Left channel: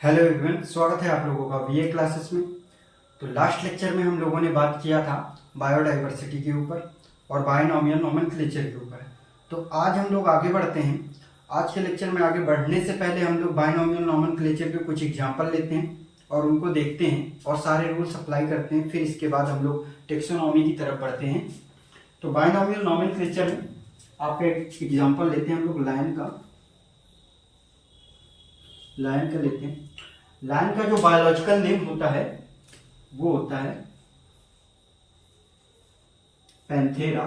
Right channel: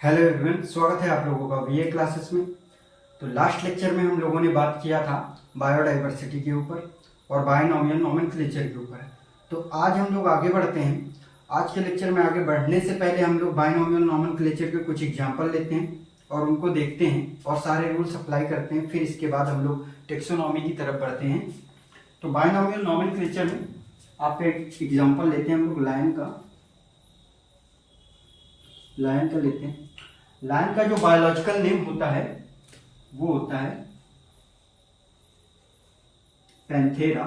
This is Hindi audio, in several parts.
हेलो एवरीवन, स्वागत है आप लोगों का वीए क्लासेस में। तो लास्ट लेक्चर में हम लोगों ने बात किया था बायोडाइवर्सिटी के ऊपर और बायनॉमियल नोमेनक्लेचर के ऊपर। तो आज हम लोग आगे बढ़ते हैं। आज के लेक्चर में आगे बढ़ने से पहले हम लोग बायनॉमियल नोमेनक्लेचर के कुछ एग्जांपल लेते हैं और उनको देखते हैं और सारे रूल्स अप्लाई करते हैं। फिर इसके बाद हम लोग टेक्सोनॉमी की तरफ बढ़ते हैं। तो बायनॉमियल नोमेनक्लेचर में आपका एक एग्जाम्पल लेते हैं हम लोग लायन का लेते हैं। लायन का जो बायोलॉजिकल नेम होता है वो होता है पैंथेरा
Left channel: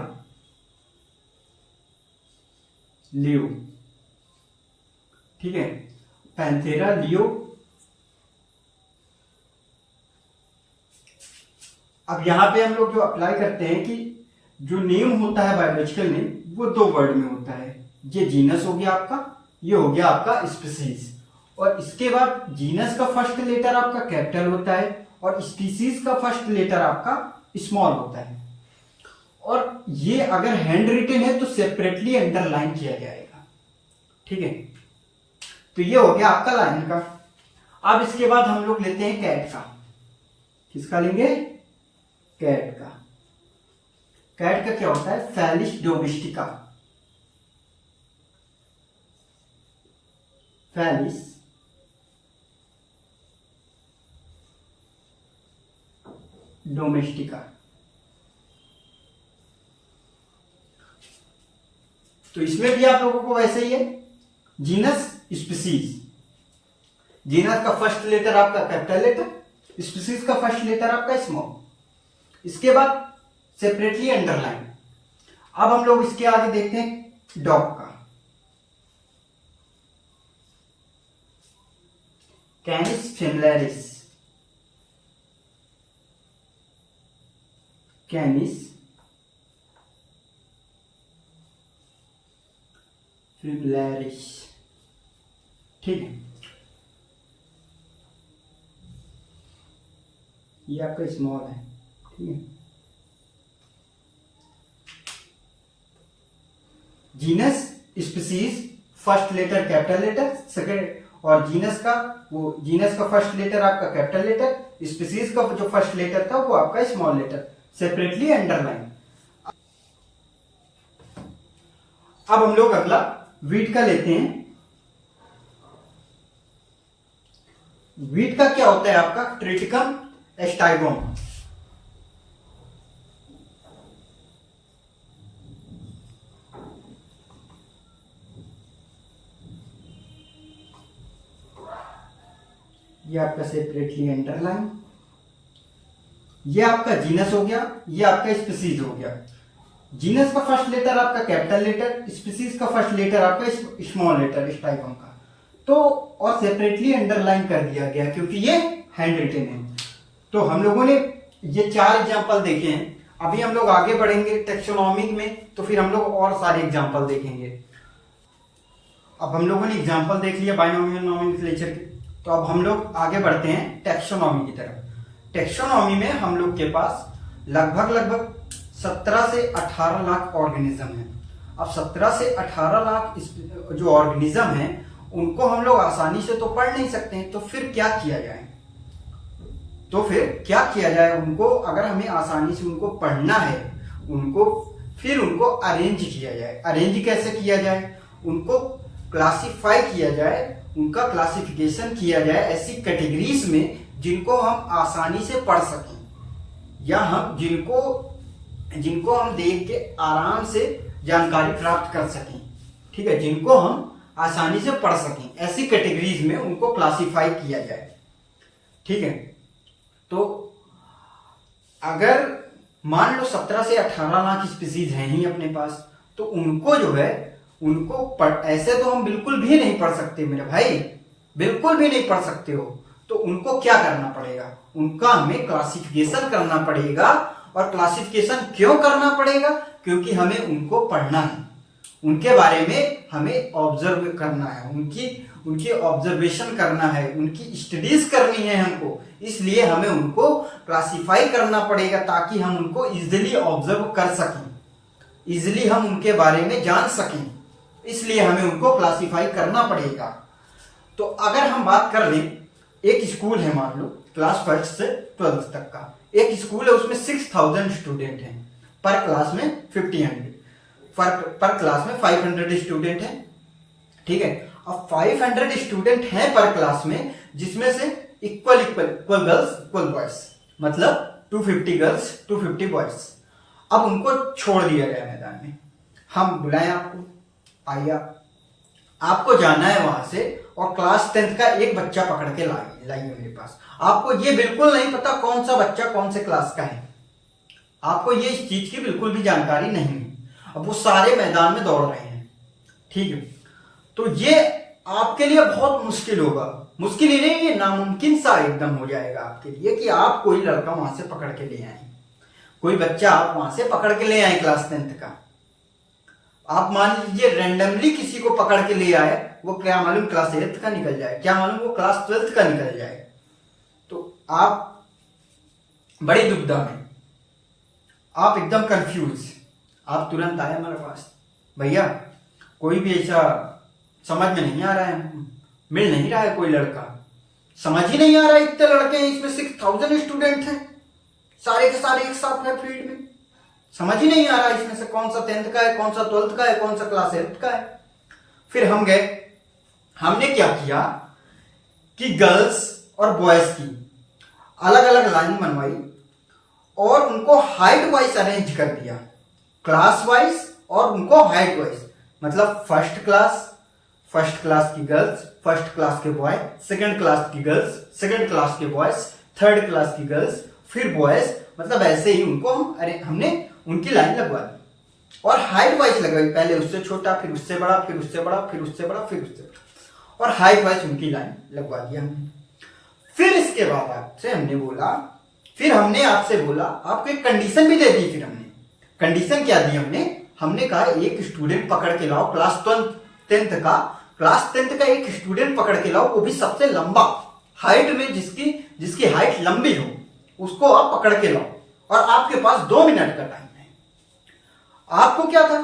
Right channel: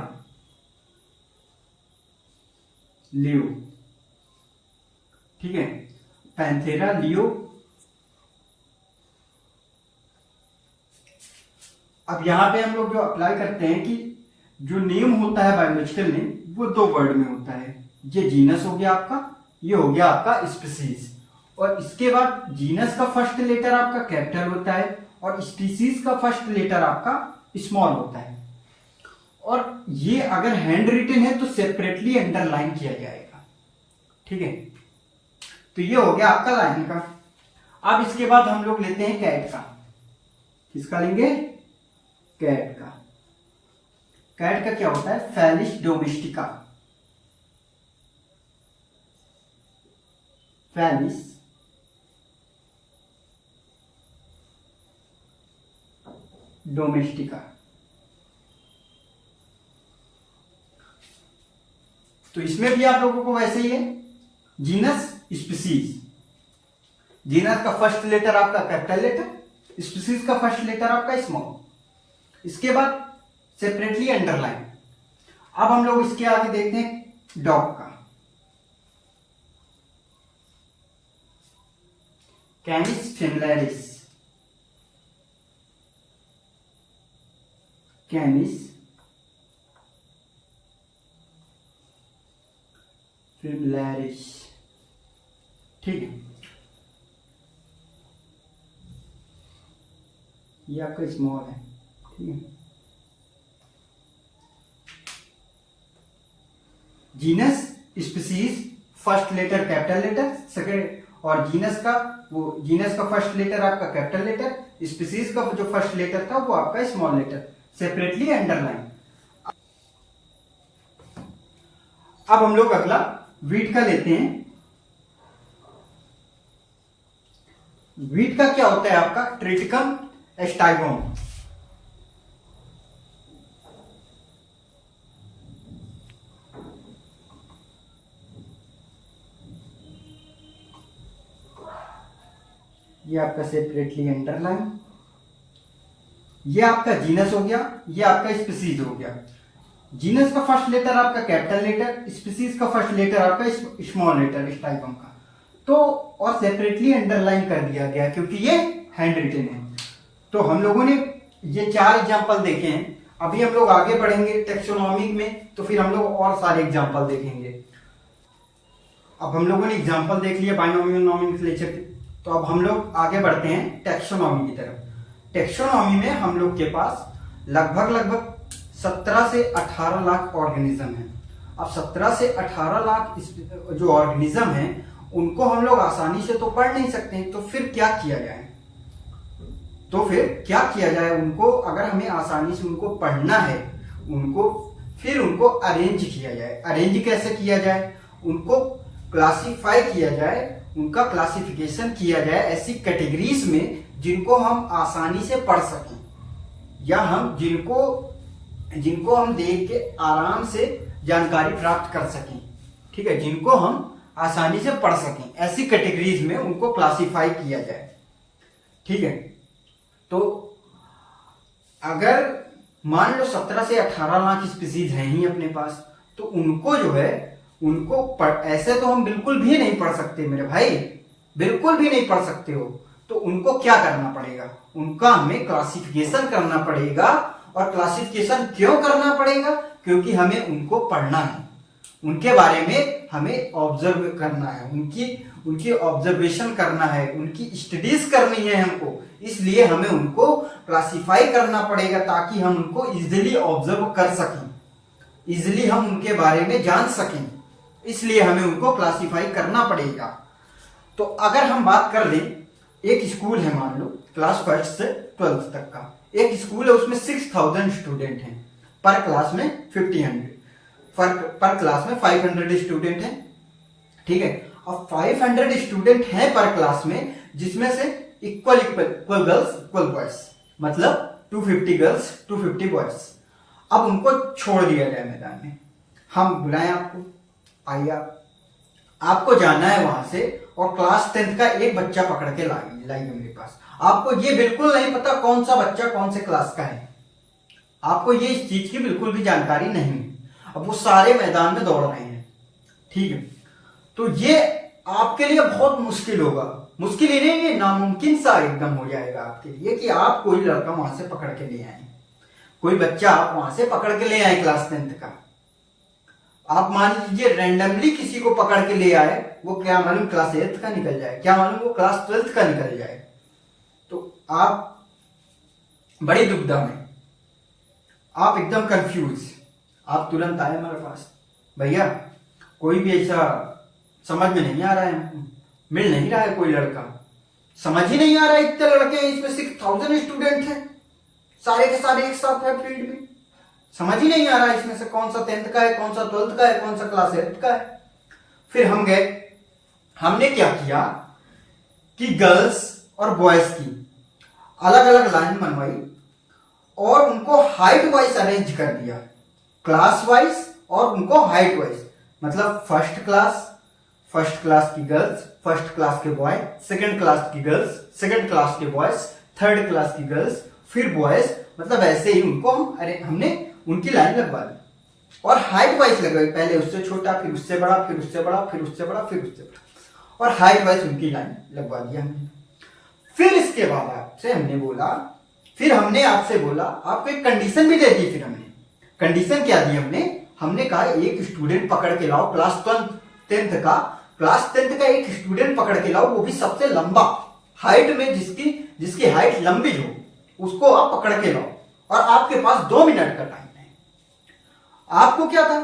लियो। ठीक है, पैंथेरा लियो। अब यहां पे हम लोग जो अप्लाई करते हैं कि जो नेम होता है बायोलॉजिकल नेम वो दो वर्ड में होता है। ये जीनस हो गया आपका, ये हो गया आपका स्पीसीज। और इसके बाद जीनस का फर्स्ट लेटर आपका कैपिटल होता है और स्पीसीज का फर्स्ट लेटर आपका स्मॉल होता है। और ये अगर हैंड रिटन है तो सेपरेटली अंडरलाइन किया जाएगा। ठीक है, तो ये हो गया आपका लायन का। अब इसके बाद हम लोग लेते हैं कैट का। किसका लेंगे? कैट का। कैट का क्या होता है? Felis domestica. Felis domestica. तो इसमें भी आप लोगों को वैसे ही है, जीनस स्पीसीज। जीनस का फर्स्ट लेटर आपका कैपिटल लेटर, स्पीसीज का फर्स्ट लेटर आपका स्मॉल। इसके बाद सेपरेटली अंडरलाइन। अब हम लोग इसके आगे देखते हैं डॉग का। कैनिस फेमिलियरिस। कैनिस फेमिलियरिस। ठीक है, ये आपका स्मॉल है। ठीक है, genus species first letter capital letter second, और जीनस का फर्स्ट लेटर आपका कैपिटल लेटर, स्पीसीज का जो फर्स्ट लेटर था वो आपका स्मॉल लेटर, सेपरेटली अंडरलाइन। अब हम लोग अगला वीट का लेते हैं। वीट का क्या होता है आपका? ट्रिटिकम एस्टाइगोम। ये आपका सेपरेटली अंडरलाइन। ये आपका जीनस हो गया, ये आपका स्पीसीज हो गया। जीनस का फर्स्ट लेटर आपका कैपिटल लेटर, स्पीसीज का फर्स्ट लेटर आपका स्मॉल लेटर स्टाइगम का। तो और सेपरेटली अंडरलाइन कर दिया गया क्योंकि ये हैंड रिटन है। तो हम लोगों ने ये 4 एग्जांपल देखे हैं। अभी हम लोग आगे बढ़ेंगे टेक्सोनॉमी में, तो फिर हम लोग और सारे एग्जांपल देखेंगे। अब हम लोगों ने एग्जांपल देख लिया बायनॉमियल नोमेनक्लेचर के, तो अब हम लोग आगे बढ़ते हैं टेक्सोनॉमी की तरफ। टेक्सोनॉमी में हम लोग के पास लगभग 17 से 18 लाख ऑर्गेनिज्म है। अब 17 से 18 लाख जो ऑर्गेनिज्म है उनको हम लोग आसानी से तो पढ़ नहीं सकते हैं। तो फिर क्या किया जाए? उनको अगर हमें आसानी से उनको पढ़ना है, उनको अरेंज किया जाए। अरेंज कैसे किया जाए? उनको क्लासिफाई किया जाए, उनका क्लासिफिकेशन किया जाए ऐसी कैटेगरीज में जिनको हम आसानी से पढ़ सकें, या हम जिनको हम देख के आराम से जानकारी प्राप्त कर सकें। ठीक है, जिनको हम आसानी से पढ़ सकें ऐसी कैटेगरीज में उनको क्लासिफाई किया जाए। ठीक है, तो अगर मान लो 17 से 18 लाख स्पीसीज हैं ही अपने पास, तो उनको जो है ऐसे तो हम बिल्कुल भी नहीं पढ़ सकते मेरे भाई, बिल्कुल भी नहीं पढ़ सकते हो। तो उनको क्या करना पड़ेगा? उनका हमें क्लासिफिकेशन करना पड़ेगा। और क्लासिफिकेशन क्यों करना पड़ेगा? क्योंकि हमें उनको पढ़ना है, उनके बारे में हमें ऑब्जर्व करना है, उनकी ऑब्जर्वेशन करना है, उनकी स्टडीज करनी है हमको। इसलिए हमें उनको क्लासिफाई करना पड़ेगा ताकि हम उनको इजिली ऑब्जर्व कर सकें, इजिली हम उनके बारे में जान सकें। इसलिए हमें उनको क्लासिफाई करना पड़ेगा। तो अगर हम बात कर लें एक स्कूल है, मान लो क्लास 1 से 12th तक का एक स्कूल है, उसमें 6000 स्टूडेंट हैं, पर क्लास में 1500 पर क्लास में 500 स्टूडेंट हैं। ठीक है, अब 500 स्टूडेंट हैं पर क्लास में, जिसमें से इक्वल गर्ल्स इक्वल बॉयज, मतलब 250 गर्ल्स 250 बॉयज। अब उनको छोड़ दिया गया मैदान में, हम बुलाएं आपको, आइए आपको जाना है वहां से और क्लास 10th का एक बच्चा पकड़ के लाइए मेरे पास। आपको ये बिल्कुल नहीं पता कौन सा बच्चा कौन से क्लास का है, आपको ये इस चीज की बिल्कुल भी जानकारी नहीं है। अब वो सारे मैदान में दौड़ रहे हैं, ठीक है, तो ये आपके लिए बहुत मुश्किल होगा, मुश्किल ही नहीं, ये नामुमकिन सा एकदम हो जाएगा आपके लिए कि आप कोई लड़का वहां से पकड़ के ले आए, कोई बच्चा आप वहां से पकड़ के ले आए क्लास 10th का। आप मान लीजिए रैंडमली किसी को पकड़ के ले आए, वो क्या मालूम क्लास 8th का निकल जाए, क्या मालूम वो क्लास 12th का निकल जाए, तो आप बड़ी दुविधा में, आप एकदम कंफ्यूज, आप तुरंत आए हमारे पास, भैया कोई भी ऐसा समझ में नहीं आ रहा है, मिल नहीं रहा है कोई लड़का, समझ ही नहीं आ रहा है, इतने लड़के हैं, इसमें 6000 स्टूडेंट हैं, सारे के सारे एक साथ है फील्ड में, समझ ही नहीं आ रहा है इसमें से कौन सा 10th का है, कौन सा 12th का है, कौन सा क्लास 8th का है। फिर हम गए, हमने क्या किया कि गर्ल्स और बॉयज की अलग अलग लाइन बनवाई और उनको हाइट वाइज अरेंज कर दिया, क्लास वाइज और उनको हाइट वाइज, मतलब फर्स्ट क्लास की गर्ल्स, फर्स्ट क्लास के बॉय, सेकंड क्लास की गर्ल्स, सेकंड क्लास के बॉयज, थर्ड क्लास की गर्ल्स, फिर बॉयज, मतलब ऐसे ही उनको हमने उनकी लाइन लगवा दी और हाइट वाइज लगवाई, पहले उससे छोटा, फिर उससे बड़ा, फिर उससे बड़ा, फिर उससे बड़ा, फिर उससे बड़ा, और हाइट वाइज उनकी लाइन लगवा दिया हमने। फिर इसके बाद आपसे हमने बोला, फिर हमने आपसे बोला, आपको एक कंडीशन भी दे दी। फिर हमने कंडीशन क्या दी, हमने कहा एक स्टूडेंट पकड़ के लाओ क्लास 10th का, क्लास 10th का एक स्टूडेंट पकड़ के लाओ, वो भी सबसे लंबा हाइट में, जिसकी हाइट लंबी हो, उसको आप पकड़ के लाओ और आपके पास 2 मिनट का टाइम है। आपको क्या था,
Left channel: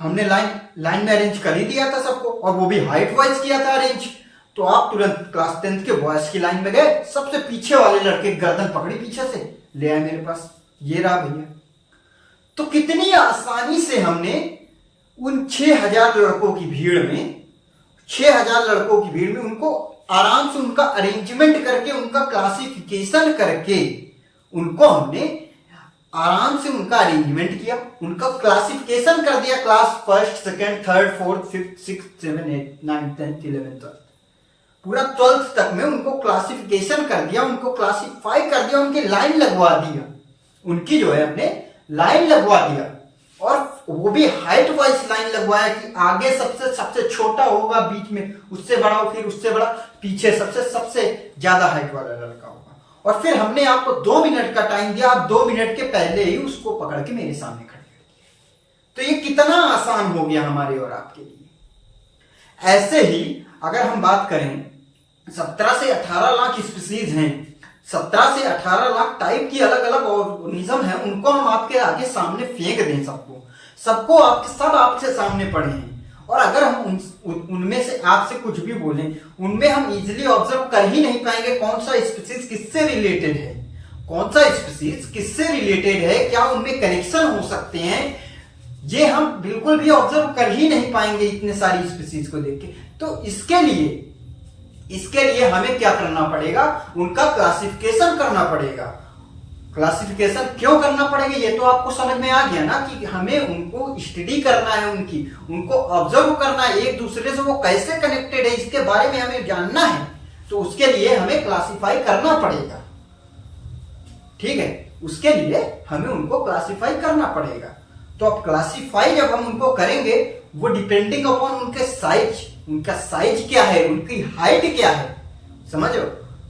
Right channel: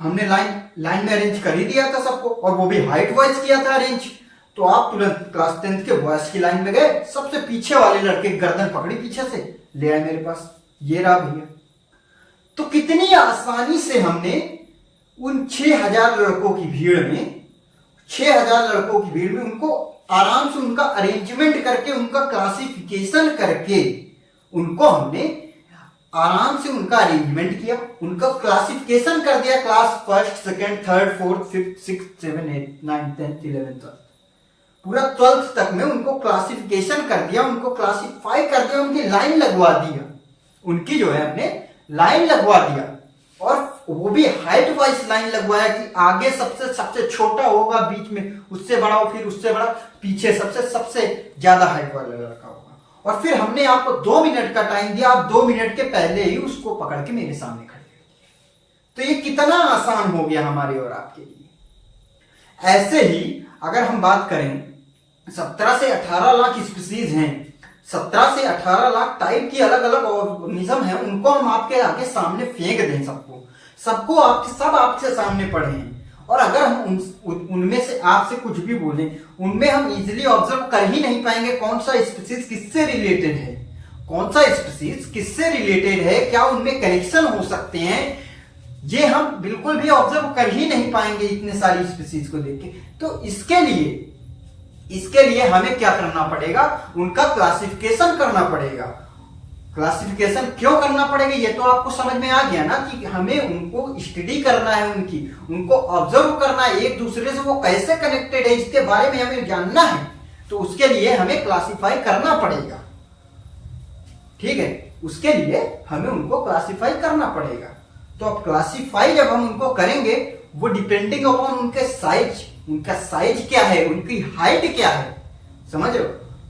हमने लाइन में अरेंज कर ही दिया था सबको, और वो भी हाइट वाइज किया था अरेंज, तो आप तुरंत क्लास 10th के बॉयज की लाइन में गए, सबसे पीछे वाले लड़के गर्दन पकड़ी पीछे से ले आए मेरे पास, ये रहा भैया। तो कितनी आसानी से हमने उन 6000 लड़कों की भीड़ में, 6000 लड़कों की भीड़ में उनको आराम से उनका अरेंजमेंट करके, उनका क्लासिफिकेशन करके, उनको हमने आराम से उनका अरेंजमेंट किया, उनका क्लासिफिकेशन कर दिया, class 1st, 2nd, 3rd, 4th, 5th, 6th, 7th, 8th, 9th, 10th, 11th, 12th, पूरा 12th तक में उनको क्लासिफिकेशन कर दिया, उनको क्लासिफाई कर दिया, उनकी लाइन लगवा दिया, उनकी जो है हमने लाइन लगवा दिया, और वो भी हाइट वाइज लाइन लगवाया कि आगे सबसे छोटा होगा, बीच में उससे बड़ा हो, फिर उससे बड़ा, पीछे सबसे ज्यादा हाइट वाला लड़का होगा। और फिर हमने आपको 2 मिनट का टाइम दिया, आप 2 मिनट के पहले ही उसको पकड़ के मेरे सामने खड़े कर दिए। तो ये कितना आसान हो गया हमारे और आपके लिए। ऐसे ही अगर हम बात करें, 17 से 18 लाख स्पीसीज हैं, 17 से 18 लाख टाइप की अलग अलग ऑर्गेनिज्म है, उनको हम आपके आगे सामने फेंक दें, सबको आपके सामने पड़े हैं, और अगर हम उनमें से आपसे कुछ भी बोलें, उनमें हम इजीली ऑब्जर्व कर ही नहीं पाएंगे कौन सा स्पीसीज किससे रिलेटेड है, कौन सा स्पीसीज किससे रिलेटेड है, क्या उनमें कनेक्शन हो सकते हैं, ये हम बिल्कुल भी ऑब्जर्व कर ही नहीं पाएंगे इतने सारी स्पीसीज को देख के। तो इसके लिए हमें क्या करना पड़ेगा, उनका क्लासिफिकेशन करना पड़ेगा। क्लासिफिकेशन क्यों करना पड़ेगा, ये तो आपको समझ में आ गया ना, कि हमें उनको स्टडी करना है, उनको ऑब्जर्व करना है, एक दूसरे से वो कैसे कनेक्टेड है इसके बारे में हमें जानना है, तो उसके लिए हमें क्लासिफाई करना पड़ेगा, ठीक है, उसके लिए हमें उनको क्लासिफाई करना पड़ेगा। तो अब क्लासिफाई जब हम उनको करेंगे, वो डिपेंडिंग अपॉन उनके साइज, उनका साइज क्या है, उनकी हाइट क्या है, समझ लो,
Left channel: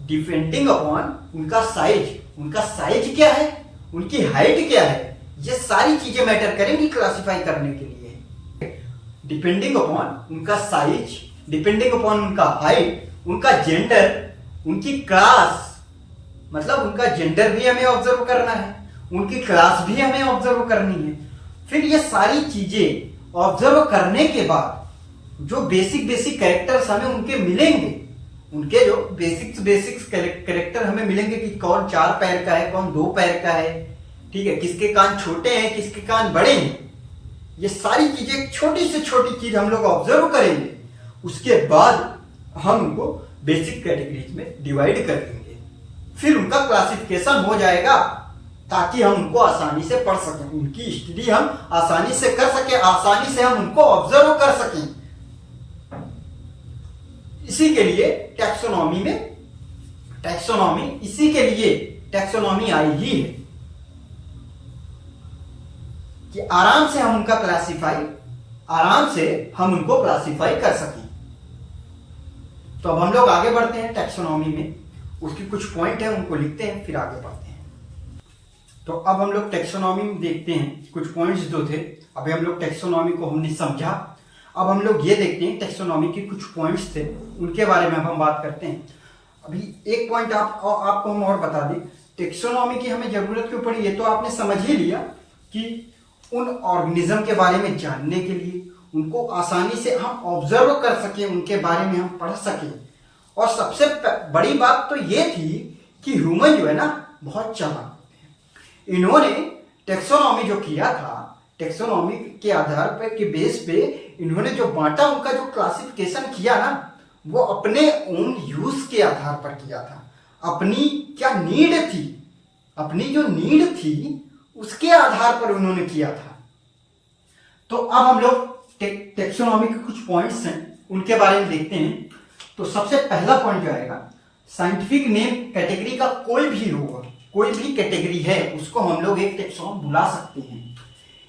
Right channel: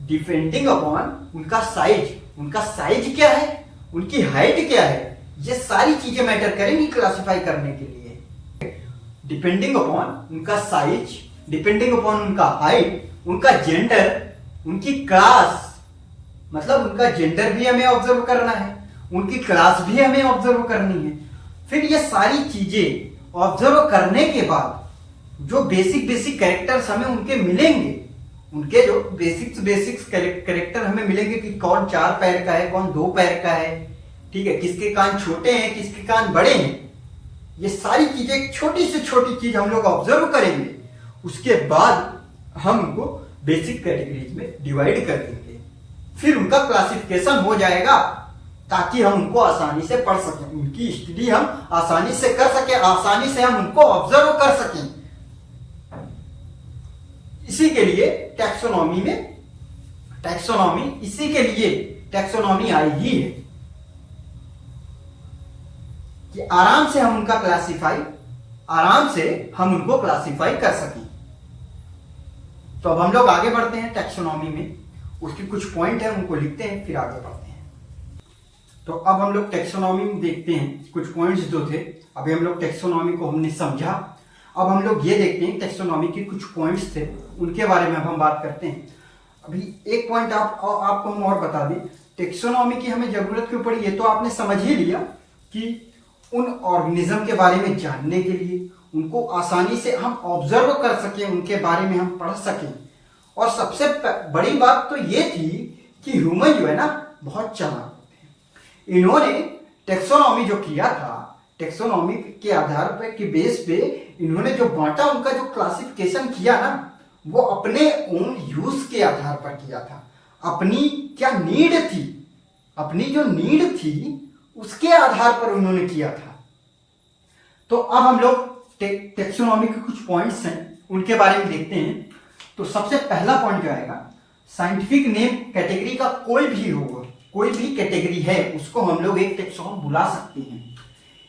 डिपेंडिंग अपॉन उनका साइज क्या है, उनकी हाइट क्या है, ये सारी चीजें मैटर करेंगी क्लासिफाई करने के लिए। डिपेंडिंग अपॉन उनका साइज, डिपेंडिंग अपॉन उनका हाइट, उनका जेंडर, उनकी क्लास, मतलब उनका जेंडर भी हमें ऑब्जर्व करना है, उनकी क्लास भी हमें ऑब्जर्व करनी है। फिर ये सारी चीजें ऑब्जर्व करने के बाद जो बेसिक कैरेक्टर्स हमें उनके मिलेंगे, उनके जो बेसिक्स करेक्टर हमें मिलेंगे कि कौन 4 पैर का है, कौन 2 पैर का है, ठीक है, किसके कान छोटे हैं, किसके कान बड़े हैं। ये सारी चीजें, छोटी से छोटी चीज हम लोग ऑब्जर्व करेंगे, उसके बाद हम उनको बेसिक कैटेगरीज में डिवाइड कर देंगे, फिर उनका क्लासिफिकेशन हो जाएगा ताकि हम उनको आसानी से पढ़ सकें, उनकी स्टडी हम आसानी से कर सकें, आसानी से हम उनको ऑब्जर्व कर सकें। इसी के लिए इसी के लिए टैक्सोनॉमी आई ही है कि आराम से हम उनको क्लासिफाई कर सकें। तो अब हम लोग आगे बढ़ते हैं टैक्सोनॉमी में, उसकी कुछ पॉइंट है उनको लिखते हैं, फिर आगे बढ़ते हैं। तो अब हम लोग टैक्सोनॉमी में देखते हैं कुछ पॉइंट्स जो थे। अभी हम लोग टैक्सोनॉमी को हमने समझा, अब हम लोग ये देखते हैं टैक्सोनॉमी के कुछ पॉइंट्स थे, उनके बारे में अब हम बात करते हैं। अभी एक पॉइंट आपको हम और बता दें, टैक्सोनॉमी की हमें जरूरत क्यों पड़ी, ये तो आपने समझ ही लिया कि उन ऑर्गेनिज्म के बारे में जानने के लिए, उनको आसानी से हम ऑब्जर्व कर सकें, उनके बारे में हम पढ़ सकें। और सबसे बड़ी बात तो ये थी कि ह्यूमन जो है ना बहुत चालाक होते हैं। इन्होंने टैक्सोनॉमी जो किया था, टैक्सोनॉमी के आधार पर के बेस पे इन्होंने जो बांटा, उनका जो क्लासिफिकेशन किया ना, वो अपने ओन यूज के आधार पर किया था। अपनी क्या नीड थी, अपनी जो नीड थी उसके आधार पर उन्होंने किया था। तो अब हम लोग टैक्सोनॉमी के कुछ पॉइंट्स हैं उनके बारे में देखते हैं। तो सबसे पहला पॉइंट जो आएगा, साइंटिफिक नेम कैटेगरी का कोई भी होगा, कोई भी कैटेगरी है उसको हम लोग एक टैक्सोन बुला सकते हैं।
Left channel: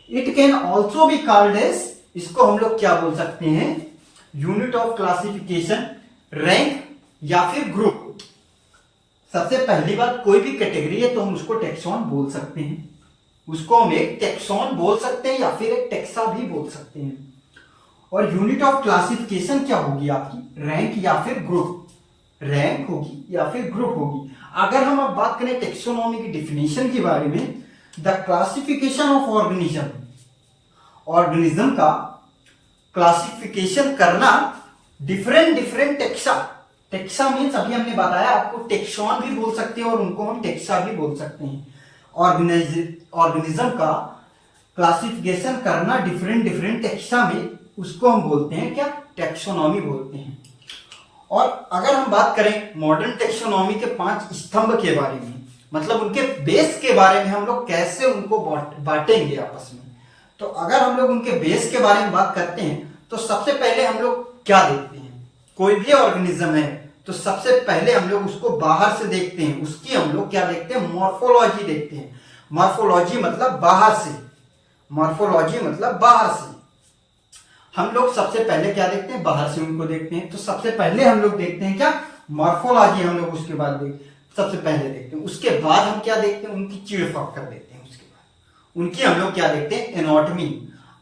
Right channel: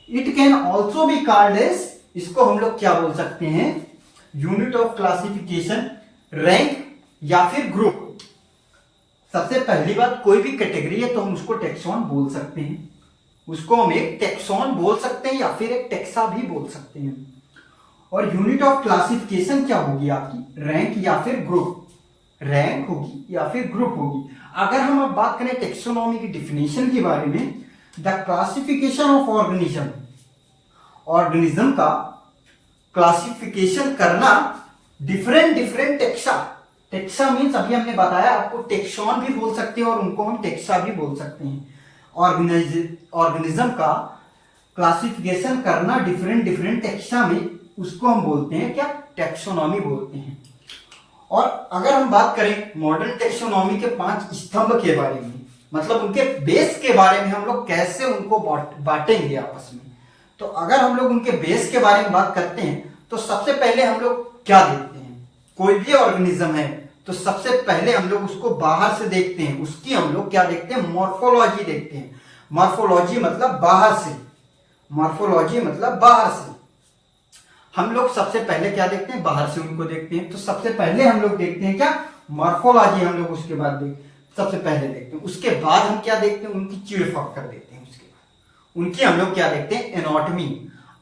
It can also be called as, इसको हम लोग क्या बोल सकते हैं, यूनिट ऑफ क्लासिफिकेशन, रैंक या फिर ग्रुप। सबसे पहली बात, कोई भी कैटेगरी है तो हम उसको टैक्सोन बोल सकते हैं, उसको हम एक टैक्सोन बोल सकते हैं या फिर एक टैक्सा भी बोल सकते हैं। और यूनिट ऑफ क्लासिफिकेशन क्या होगी आपकी, रैंक या फिर ग्रुप, रैंक होगी या फिर ग्रुप होगी। अगर हम अब बात करें टैक्सोनॉमी की डिफिनेशन के बारे में, the classification of organism, organism का क्लासिफिकेशन करना डिफरेंट टैक्सा, टैक्सा मीन्स अभी हमने बताया आपको, टैक्सोन भी बोल सकते हैं और उनको हम टैक्सा भी बोल सकते हैं। ऑर्गेनिज्म का क्लासिफिकेशन करना डिफरेंट टैक्सा में, उसको हम बोलते हैं क्या, टैक्सोनॉमी बोलते हैं। और अगर हम बात करें मॉडर्न टैक्सोनॉमी के 5 स्तंभ के बारे में, मतलब उनके बेस के बारे में, हम लोग कैसे उनको बांटेंगे आपस में। तो अगर हम लोग उनके बेस के बारे में बात करते हैं तो सबसे पहले हम लोग क्या देखते हैं, कोई भी ऑर्गेनिज्म है तो सबसे पहले हम लोग उसको बाहर से देखते हैं, उसकी हम लोग क्या देखते हैं, मॉर्फोलॉजी देखते हैं। मॉर्फोलॉजी मतलब बाहर से, मॉर्फोलॉजी मतलब बाहर से। हम लोग सबसे पहले क्या देखते हैं, बाहर से उनको देखते हैं। तो सबसे पहले हम लोग देखते हैं क्या, मॉर्फोलॉजी हम लोग उसके बाद सबसे पहले देखते हैं। उसके बाद हम क्या देखते हैं, उनकी चीड़-फाड़ कर देते हैं। उसके बाद उनकी हम लोग क्या देखते हैं, एनाटॉमी,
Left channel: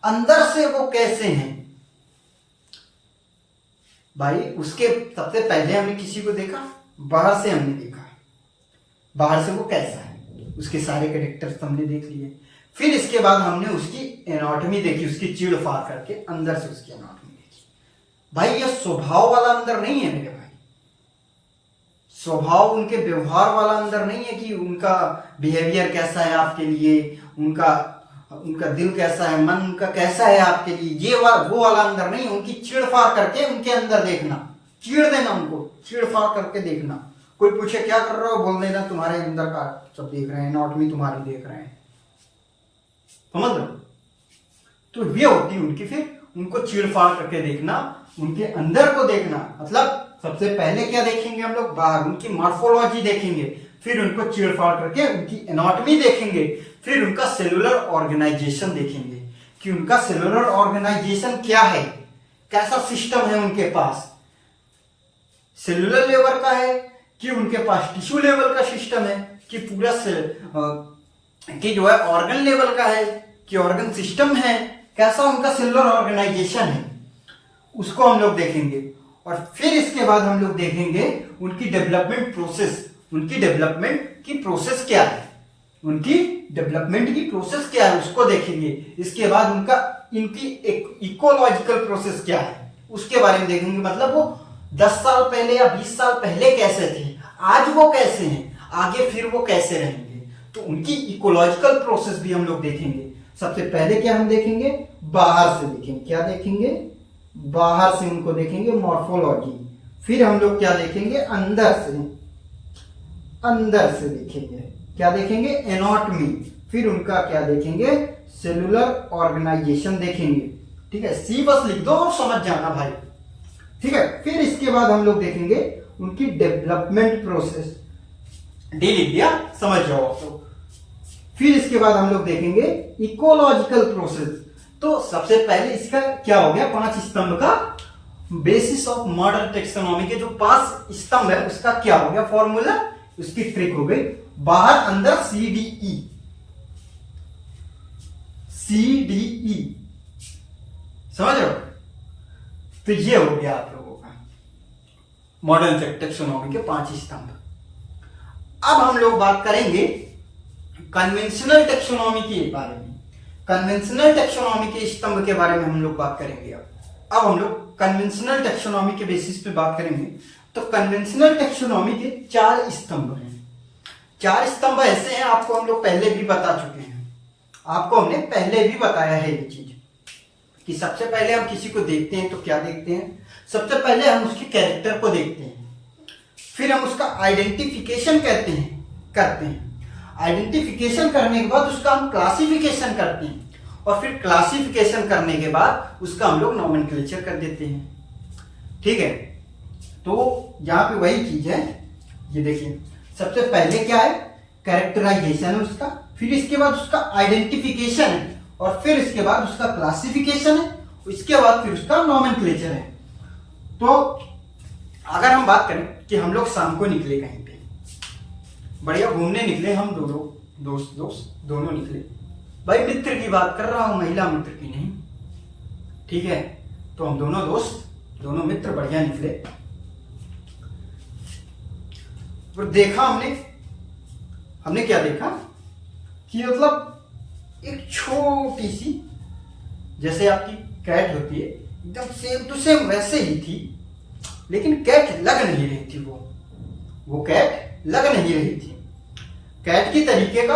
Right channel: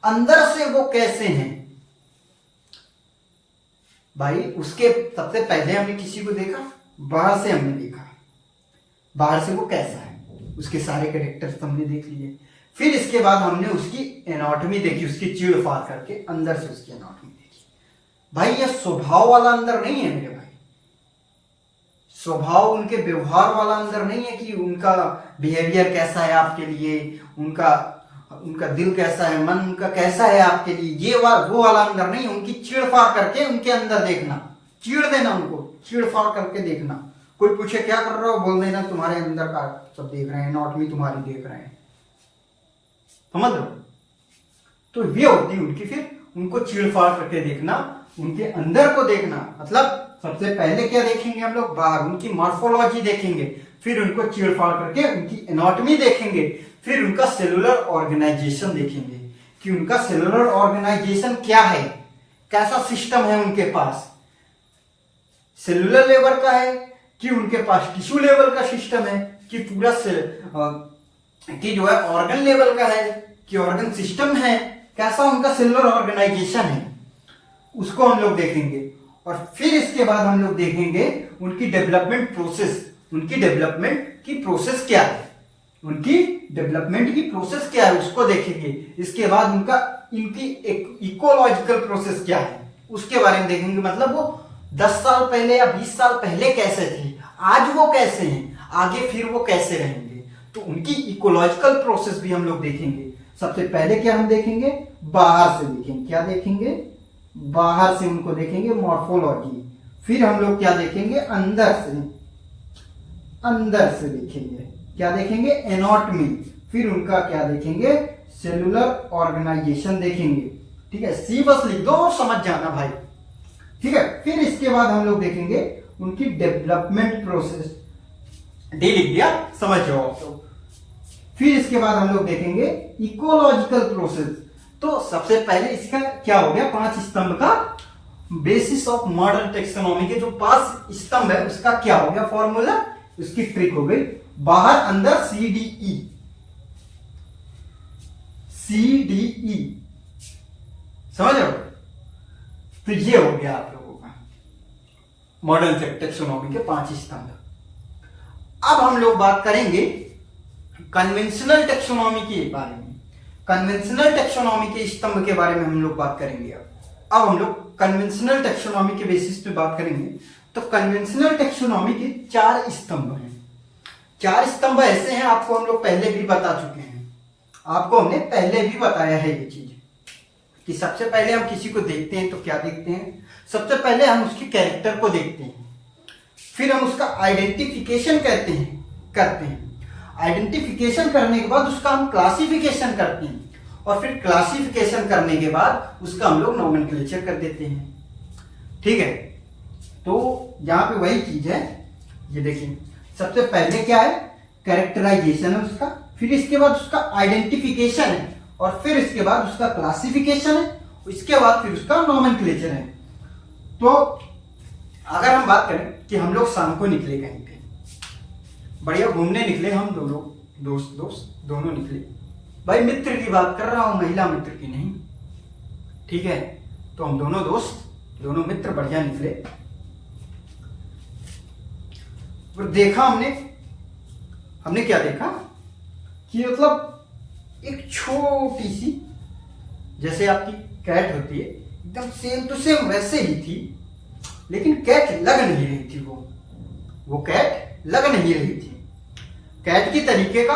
अंदर से वो कैसे हैं भाई। उसके सबसे पहले हमने किसी को देखा, बाहर से हमने देखा, बाहर से वो कैसा है, उसके सारे कैरेक्टर्स हमने देख लिए। फिर इसके बाद हमने उसकी एनाटॉमी देखी, उसकी चीड़-फाड़ करके अंदर से उसकी एनाटॉमी देखी। भाई ये स्वभाव वाला अंदर नहीं है मेरे भाई, स्वभाव उनके व्यवहार वाला अंदर नहीं है कि उनका बिहेवियर कैसा है आपके लिए, उनका दिल कैसा है, मन उनका कैसा है आपके लिए, वो वाला अंदर नहीं है। उनकी चीड़-फाड़ करके उनके अंदर देखना, चीड़ देना, उनको चीड़-फाड़ करके देखना। कोई पूछे क्या कर रहे हो, बोल देना तुम्हारे अंदर का सब देख रहे हैं, एनाटॉमी तुम्हारी देख रहे हैं, समझ लो। तो ये होती है उनकी, फिर उनको चीड़-फाड़ करके देखना, उनके अंदर को देखना। मतलब सबसे पहले क्या देखेंगे हम लोग, बाहर उनकी मॉर्फोलॉजी देखेंगे, फिर उनको चीड़-फाड़ करके उनकी एनाटॉमी देखेंगे, फिर उनका सेलुलर ऑर्गेनाइजेशन देखेंगे कि उनका सेलुलर ऑर्गेनाइजेशन क्या है, कैसा सिस्टम है उनके पास, सेलुलर लेवल का है कि उनके पास टिश्यू लेवल का सिस्टम है, कि पूरा कि जो है ऑर्गन लेवल का है, कि ऑर्गन सिस्टम है, कैसा उनका सेलुलर ऑर्गेनाइजेशन है, उसको हम लोग देखेंगे। और फिर इसके बाद हम लोग देखेंगे उनकी डेवलपमेंट प्रोसेस, उनकी डेवलपमेंट की प्रोसेस क्या है, उनकी डेवलपमेंट की प्रोसेस क्या है उसको देखेंगे। इसके बाद इनकी एक इकोलॉजिकल प्रोसेस क्या है उसके बारे में देखेंगे। मतलब वो 10 साल पहले या 20 साल पहले कैसे थे, आज वो कैसे हैं, आगे फिर वो कैसे रहेंगे, तो उनकी इकोलॉजिकल प्रोसेस भी हम लोग देखेंगे। सबसे पहले क्या हम देखेंगे, बाहर से देखेंगे, क्या देखेंगे, बाहर से उनको देखेंगे मॉर्फोलॉजी। फिर हम लोग क्या देखेंगे, अंदर से देखेंगे, क्या देखेंगे, एनाटॉमी। फिर उनका क्या देखेंगे, सेलुलर ऑर्गेनाइजेशन देखेंगे। ठीक है, सी बस लिख दो और समझ जाना भाई। ठीक है, फिर इसके बाद हम लोग देखेंगे उनकी डेवलपमेंट प्रोसेस। डी लिख दिया, समझ जाओ आप लोग। फिर इसके बाद हम लोग देखेंगे इकोलॉजिकल प्रोसेस। तो सबसे पहले इसका क्या हो गया, 5 स्तंभ का बेसिस ऑफ मॉडर्न टेक्सोनॉमी के जो 5 स्तंभ है उसका क्या हो गया फॉर्मूला, उसकी ट्रिक हो गई बाहर अंदर CDE। समझ रहे हो, तो ये हो गया आप लोगों का मॉडर्न टेक्सोनॉमी के 5 स्तंभ। अब हम लोग बात करेंगे कन्वेंशनल टेक्सोनॉमी के बारे में। कन्वेंशनल टेक्सोनॉमी के स्तंभ के बारे में हम लोग बात करेंगे। अब हम लोग कन्वेंशनल टेक्सोनॉमी के बेसिस पे बात करेंगे। तो कन्वेंशनल टेक्सोनॉमी के 4 स्तंभ हैं। 4 स्तंभ ऐसे हैं, आपको हम लोग पहले भी बता चुके हैं, आपको हमने पहले भी बताया है ये चीज कि सबसे पहले हम किसी को देखते हैं तो क्या देखते हैं, सबसे पहले हम उसके कैरेक्टर को देखते हैं, फिर हम उसका आइडेंटिफिकेशन करते हैं। आइडेंटिफिकेशन करने के बाद उसका हम क्लासिफिकेशन करते हैं, और फिर क्लासिफिकेशन करने के बाद उसका हम लोग नोमेनक्लेचर कर देते हैं। ठीक है, तो यहां पे वही चीज है, ये देखिए सबसे पहले क्या है, कैरेक्टराइजेशन है उसका, फिर इसके बाद उसका आइडेंटिफिकेशन है, और फिर इसके बाद उसका क्लासिफिकेशन है, इसके बाद फिर उसका नोमेनक्लेचर है। तो अगर हम बात करें कि हम लोग शाम को निकले कहीं पे बढ़िया घूमने निकले, हम दोनों दोस्त दोनों निकले, भाई मित्र की बात कर रहा हूं, महिला मित्र की नहीं। ठीक है, तो हम दोनों दोस्त दोनों मित्र बढ़िया निकले, तो देखा हमने क्या देखा कि मतलब एक छोटी सी, जैसे आपकी कैट होती है एकदम सेम टू सेम वैसे ही थी, लेकिन कैट लग नहीं रही थी, वो कैट लग नहीं रही थी। कैट की तरीके का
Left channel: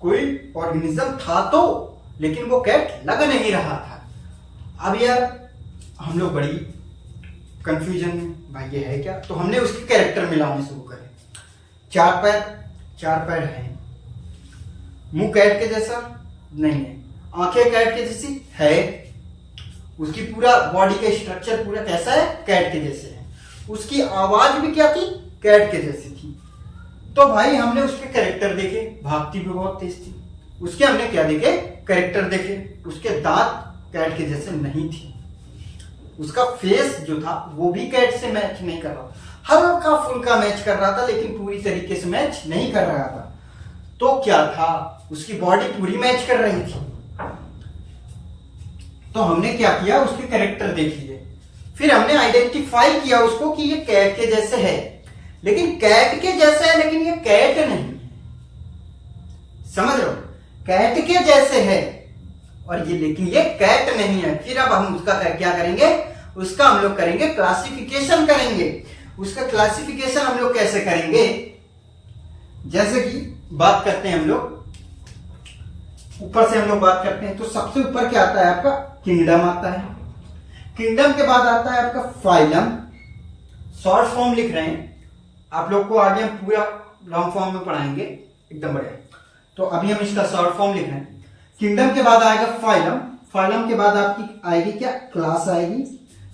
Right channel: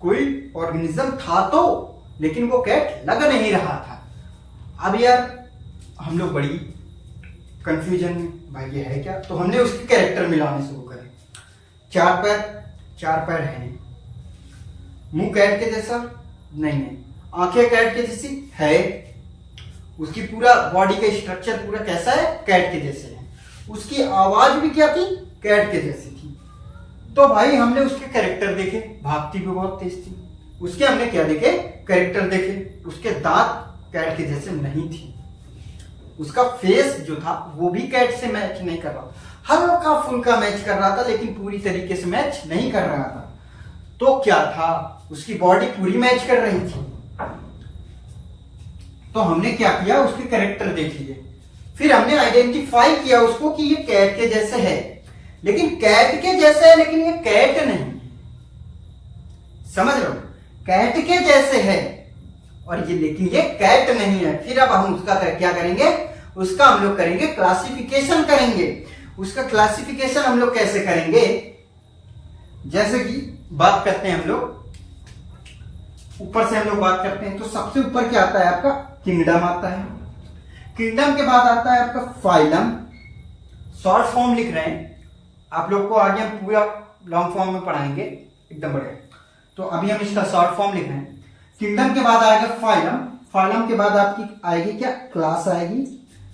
कोई ऑर्गेनिज्म था तो, लेकिन वो कैट लग नहीं रहा था। अब यार हम लोग बड़ी कंफ्यूजन में, भाई ये है क्या, तो हमने उसके कैरेक्टर मिलाने शुरू करे। 4 पैर हैं, मुंह कैट के जैसा नहीं है, आंखें कैट के जैसी है, उसकी पूरा बॉडी का स्ट्रक्चर पूरा कैसा है, कैट के जैसे है, उसकी आवाज भी क्या थी, कैट के जैसी थी। तो भाई हमने उसके कैरेक्टर देखे, भागती भी बहुत तेज थी, उसके हमने क्या देखे, कैरेक्टर देखे, उसके दांत कैट के जैसे नहीं थी, उसका फेस जो था वो भी कैट से मैच नहीं कर रहा, हल्का फुल्का मैच कर रहा था, लेकिन पूरी तरीके से मैच नहीं कर रहा था। तो क्या था, उसकी बॉडी पूरी मैच कर रही थी। तो हमने क्या किया, उसके कैरेक्टर देख लिए, फिर हमने आइडेंटिफाई किया उसको कि ये कैट के जैसे है, लेकिन कैट के जैसे है, लेकिन ये कैट नहीं, समझ लो, कैट के जैसे है और ये, लेकिन ये कैट नहीं है। फिर अब हम उसका क्या करेंगे, उसका हम लोग करेंगे क्लासिफिकेशन करेंगे। उसका क्लासिफिकेशन हम लोग कैसे करेंगे, जैसे कि बात करते हैं हम लोग ऊपर से, हम लोग बात करते हैं तो सबसे ऊपर क्या आता है आपका, किंगडम आता है, किंगडम के बाद आता है आपका फाइलम। शॉर्ट फॉर्म लिख रहे हैं, आप लोग को आगे हम पूरा लॉन्ग फॉर्म में पढ़ाएंगे एकदम बढ़िया, तो अभी हम इसका शॉर्ट फॉर्म लिख रहे हैं। किंगडम के बाद आएगा फाइलम, फाइलम के बाद आपकी आएगी क्या, क्लास आएगी,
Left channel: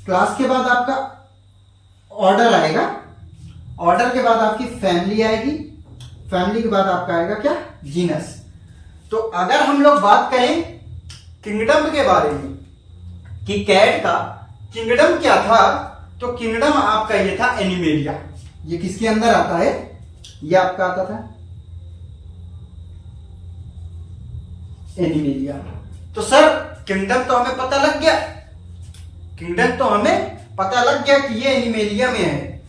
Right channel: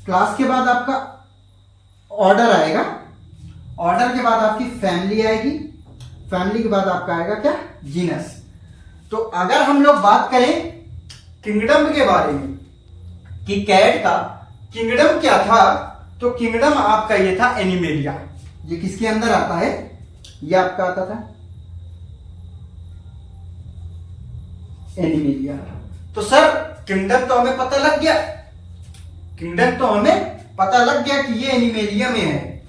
क्लास के बाद आपका ऑर्डर आएगा, ऑर्डर के बाद आपकी फैमिली आएगी, फैमिली के बाद आपका आएगा क्या, जीनस। तो अगर हम लोग बात करें किंगडम के बारे में कि कैट का किंगडम क्या था, तो किंगडम आपका ये था एनिमेलिया। ये किसके अंदर आता है, ये आपका आता था एनिमेलिया। तो सर किंगडम तो हमें पता लग गया, किंगडम तो हमें पता लग गया कि ये एनिमेलिया में है।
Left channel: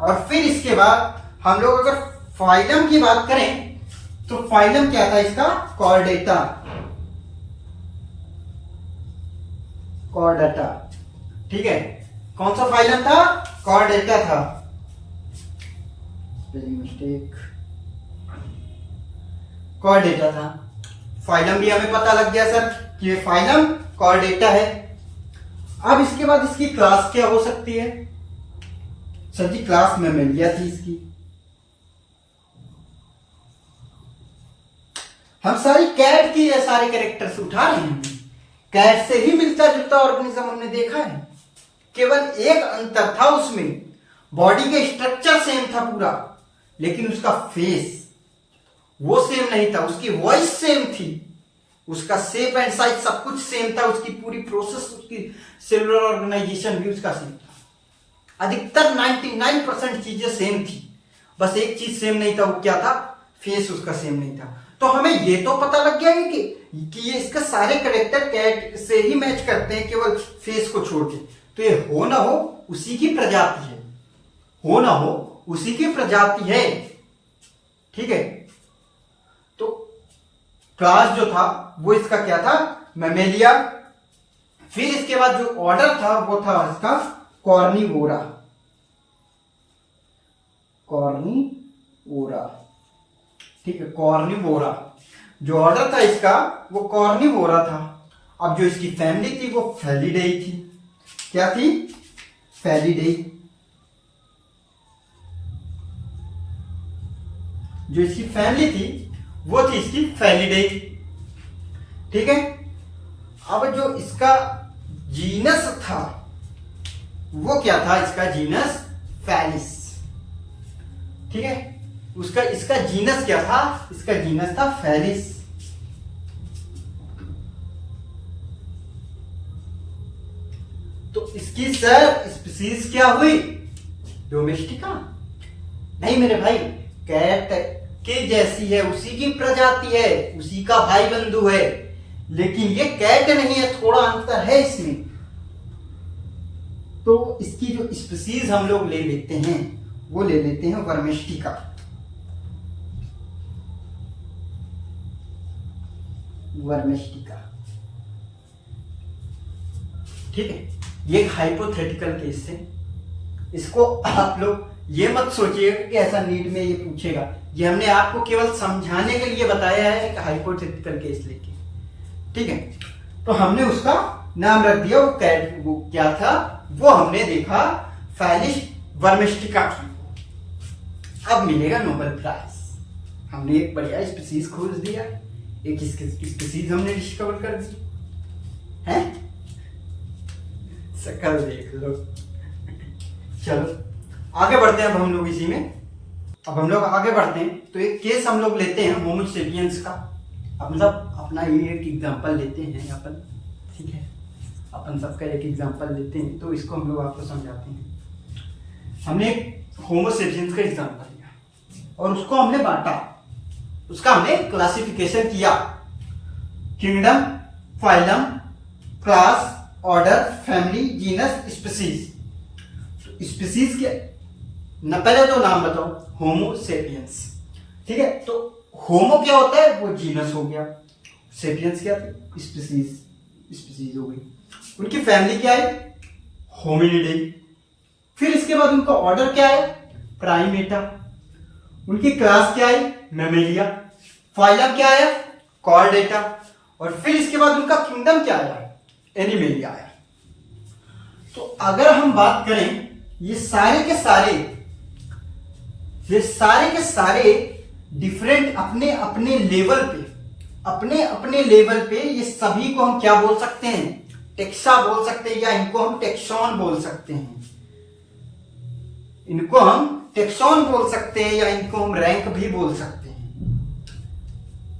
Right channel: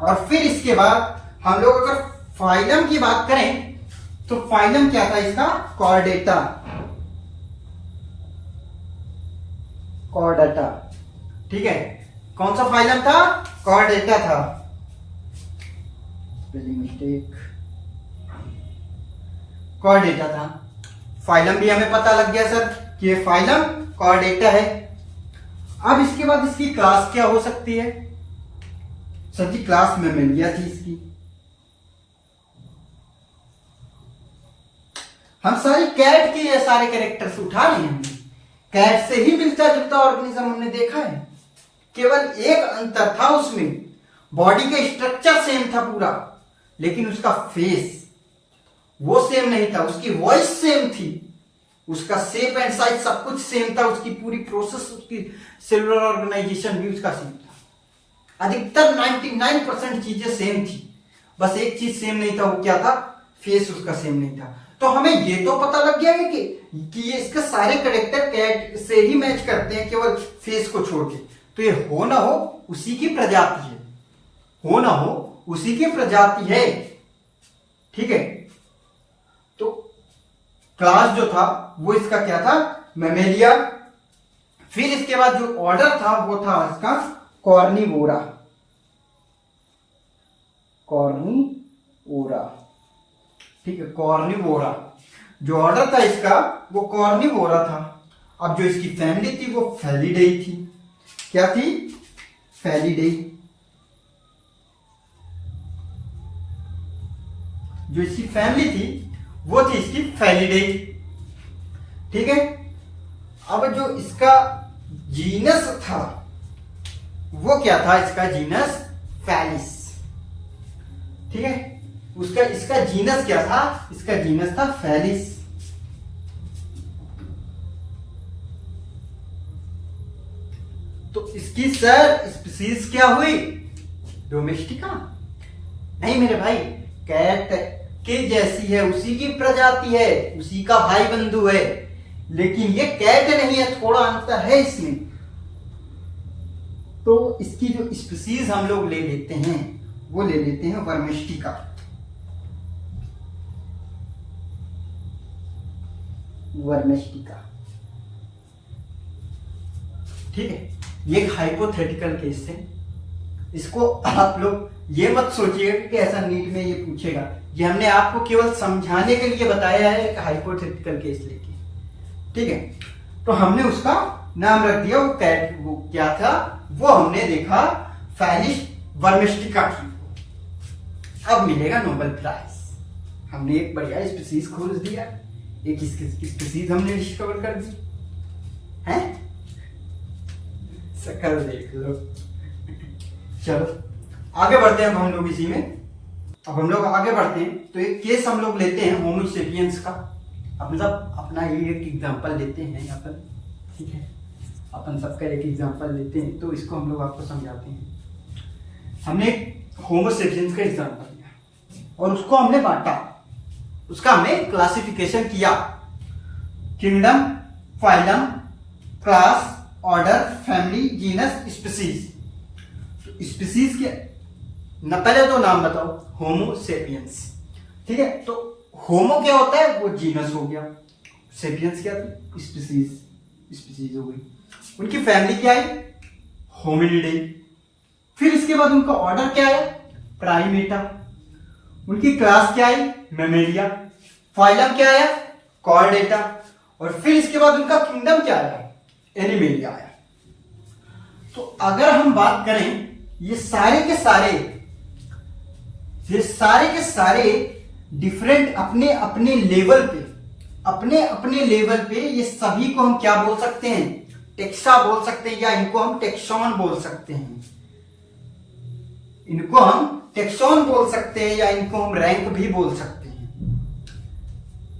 और फिर इसके बाद हम लोग अगर फाइलम की बात करें तो फाइलम क्या था इसका, कॉर्डेटा, कॉर्डेटा, ठीक है, कौन सा फाइलम था? कॉर्डेटा था। स्पेलिंग मिस्टेक, कॉर्डेटा था। फाइलम भी हमें पता लग गया सर कि ये फाइलम कॉर्डेटा है। अब इसके बाद इसकी क्लास क्या हो सकती है? सर जी क्लास मैमेलिया थी इसकी। हम सारी कैट की ये सारे कैरेक्टर्स उठा रहे हैं, कैट से ही मिलता जुलता ऑर्गेनिज्म हमने देखा है। केवल एक अंतर था उसमें, बॉडी का स्ट्रक्चर सेम था पूरा, लेकिन उसका फेस वो सेम नहीं था। उसकी वॉइस सेम थी, उसका शेप एंड साइज सब कुछ सेम था, उसकी पूरी प्रोसेस, उसकी सेलुलर ऑर्गेनाइजेशन भी उसका सेम था। अधिकतर 99% चीजें सेम थी, बस एक चीज सेम नहीं था, वो क्या था? फेस उसका सेम नहीं था। तो हमें ये तो पता लग गया है कि ये इसके सारे कैरेक्टर कैट से ही मैच करते हैं, केवल फेस को छोड़ के। तो ये हो ना हो उसी की प्रजाति है, हो ना हो उसी की प्रजाति है, ठीक है। तो क्लास जो था वो इसका क्या था? मैमेलिया। फिर इसके बाद जो ऑर्डर था वो था इसका कॉर्निवोरा, कॉर्निवोरा, ठीक है, कॉर्निवोरा। जो ऑर्डर था इसका वो कॉर्निवोरा था। अब जो इसकी फैमिली थी वो फेलिडेई थी। क्या थी? फेलिडेई। जो इसकी फैमिली थी वो थी इसकी फेलिडेई, ठीक है। अब जो इसका जीनस था वो क्या था? इसका जीनस फैलिस, ठीक है। उसका इसका जीनस क्या था? इसका जीनस था फैलिस। तो इसकी सर स्पीसीज क्या हुई? डोमेस्टिका। नहीं मेरे भाई, कैट के जैसी है, उसी की प्रजाति है, उसी का भाई बंधु है, लेकिन ये कैट नहीं है, थोड़ा अंतर है इसमें। तो इसकी जो स्पीसीज हम लोग ले लेते हैं वो ले लेते हैं वर्मेस्टिका। वर्मेस्टिका, ठीक है। ये एक हाइपोथेटिकल केस है, इसको आप लोग ये मत सोचिएगा कि ऐसा नीट में ये पूछेगा। ये हमने आपको केवल समझाने के लिए बताया है, एक हाइपोथेटिकल केस लेके, ठीक है। तो हमने उसका नाम रख दिया, वो कैट, वो क्या था? वो हमने देखा फैलिस वर्मेस्टिका की। अब मिलेगा नोबेल प्राइज। हमने एक बढ़िया स्पीसीज खोज दिया, एक स्पीसीज हमने डिस्कवर कर दी है। शकल देख लो। चलो आगे बढ़ते हैं अब हम लोग इसी में। अब हम लोग आगे बढ़ते हैं तो एक केस हम लोग लेते हैं होमो सेपियंस का। अब मतलब अपना ये एक एग्जांपल लेते हैं यहाँ पर, ठीक है। अपन सबका एक एग्जांपल लेते हैं तो इसको हम लोग आपको समझाते हैं। हमने एक होमो सेपियंस का एग्जांपल लिया और उसको हमने बांटा, उसका हमने क्लासिफिकेशन किया, kingdom, phylum, class, order, family, genus, species. Species के न, पहले तो नाम बताओ, होमो सेपियंस, ठीक है। तो होमो क्या होता है? वो जीनस हो गया, सेपियंस क्या थी? स्पीसीज, स्पीसीज हो गई। उनकी फैमिली क्या है? होमिनिडाई। फिर इसके बाद उनका ऑर्डर क्या है? प्राइमेटा। उनकी क्लास क्या है? मैमेलिया। फाइलम क्या है? कॉर्डेटा। और फिर इसके बाद उनका किंगडम क्या है? एनिमेलिया आया। तो अगर हम बात करें ये सारे के सारे डिफरेंट अपने अपने लेवल पे, ये सभी को हम क्या बोल सकते हैं? टेक्सा बोल सकते हैं, या इनको हम टेक्सॉन बोल सकते हैं। इनको हम टेक्सॉन बोल सकते हैं, या इनको हम रैंक भी बोल सकते हैं।